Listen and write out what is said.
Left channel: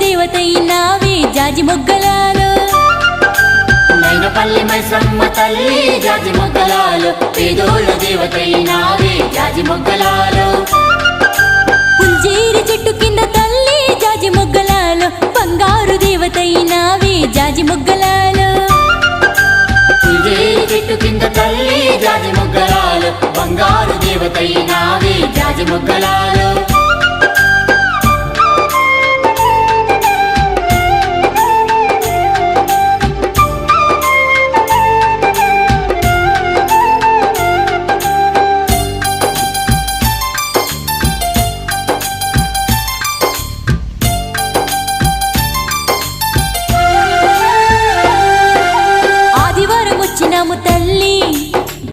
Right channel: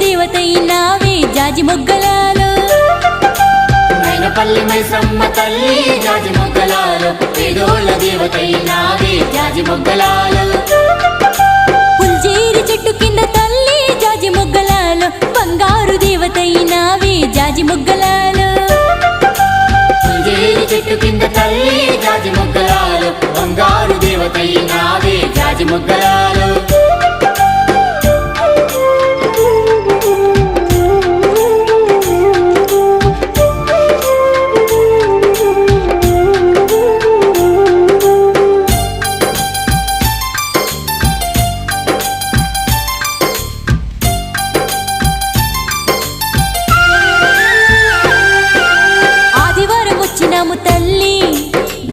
దేవతైనావే జాజి మొగ్గలాలో మైనపల్లి మైసమ్మ తల్లి జాజి మొగ్గలాలో పేదోళ్ళ దేవతైనావే జాజి మొగ్గలాలో పుల్జేరి చెట్టు కింద తల్లి జాజి మొగ్గలాలో బంగారు దేవతైనావే జాజి మొగ్గలాలో పుల్జేరి చెట్టు కింద తల్లి జాజి మొగ్గలాలో బంగారు దేవతైనావే జాజి మొగ్గలాలో